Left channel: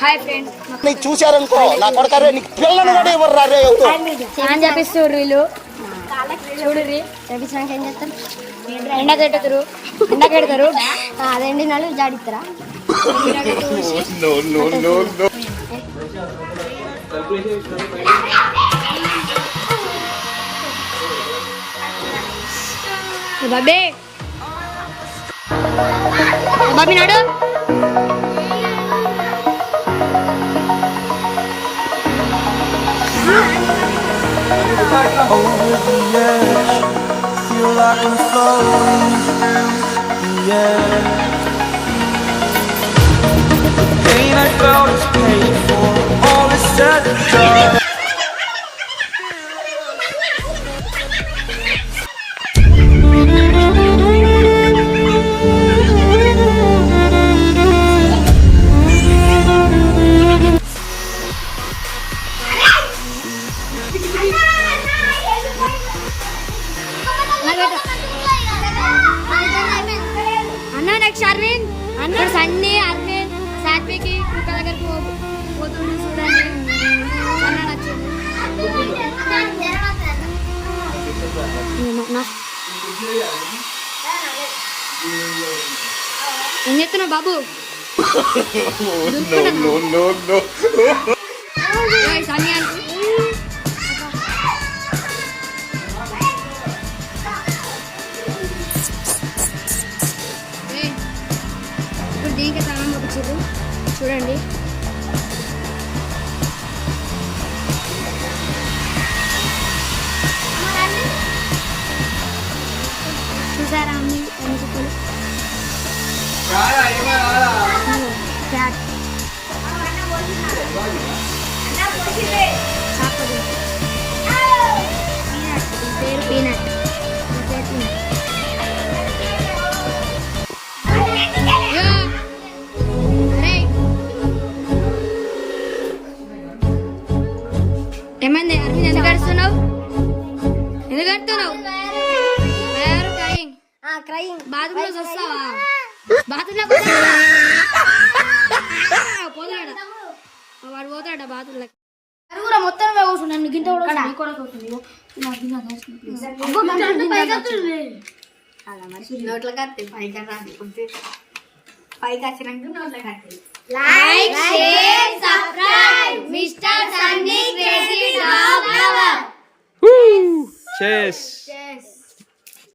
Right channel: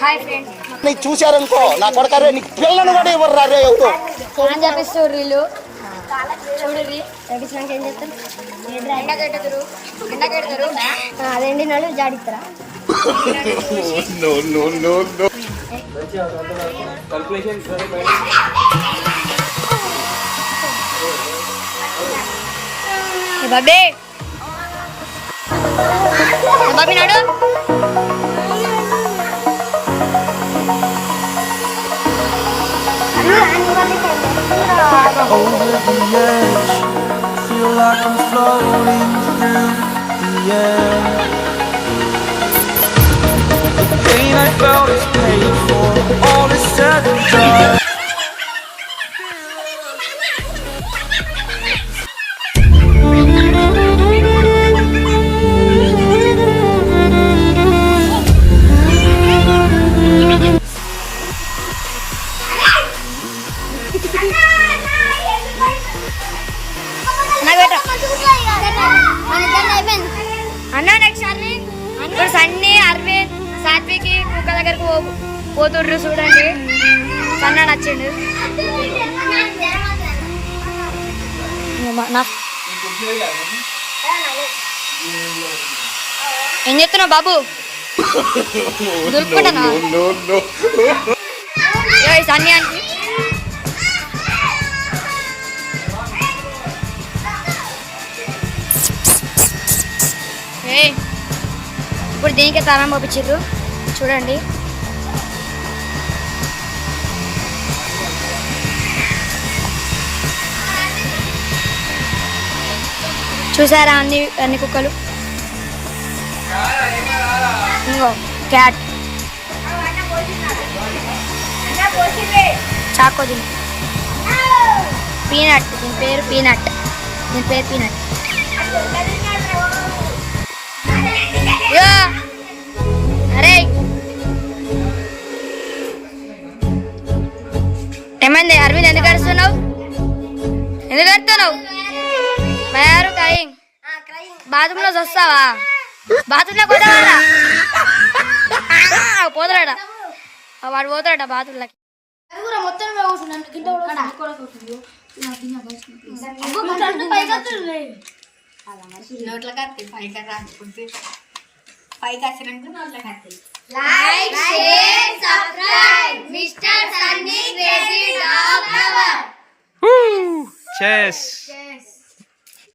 Hi friends, నీకు చూశారనుకో నా కొడకరే నీకు పిల్లను కూడా ఇవ్వరు రే ఎవరు ఏం చెప్పిస్తారు వీళ్ళు చూడండి. చెప్పినాక ఏం చేస్తారు? ఎండకెడతారు అదేంటి నాళ్ళు జాడిస్తారా? బాబీ బాబీ నాడు over the edge, feel like I'm floating through the air. The pain I felt is paid for, all is said and done. అన్నా నెక్స్ట్ అరవింద్ ఇప్పుడు సన్నీ అరవింద్ సాత్వికి కుక్క దగ్గరకు పోతుండ్రు చూడండి. సన్న నచ్చిండు. ఏం చెప్తున్నావు బాబు? దులుపుకుంటున్నా సన్నీ అంటే ఇప్పుడు దీనికి తాళం పంపించారు చూడండి. చూసారా అన్ని కుక్కలు? ఇంకో క్యాట్ చాకో పీనట్, దీని పేరు పీనట్. అరే ఏమైంది అరవింద్? ఎందుకు అరుస్తున్నావు? బాత్రూమ్ లో వస్తావా? బాత్రూమ్ లో పోతాడా? వాడు పోతాడా బాత్రూమ్ లోకి? మొత్తం నోట్ల కత్తి పైకి రాకుంటే పైకి వచ్చినాక నోట్ల కత్తి. Like share subscribe mister Sunny crazy dog lover. Cheers.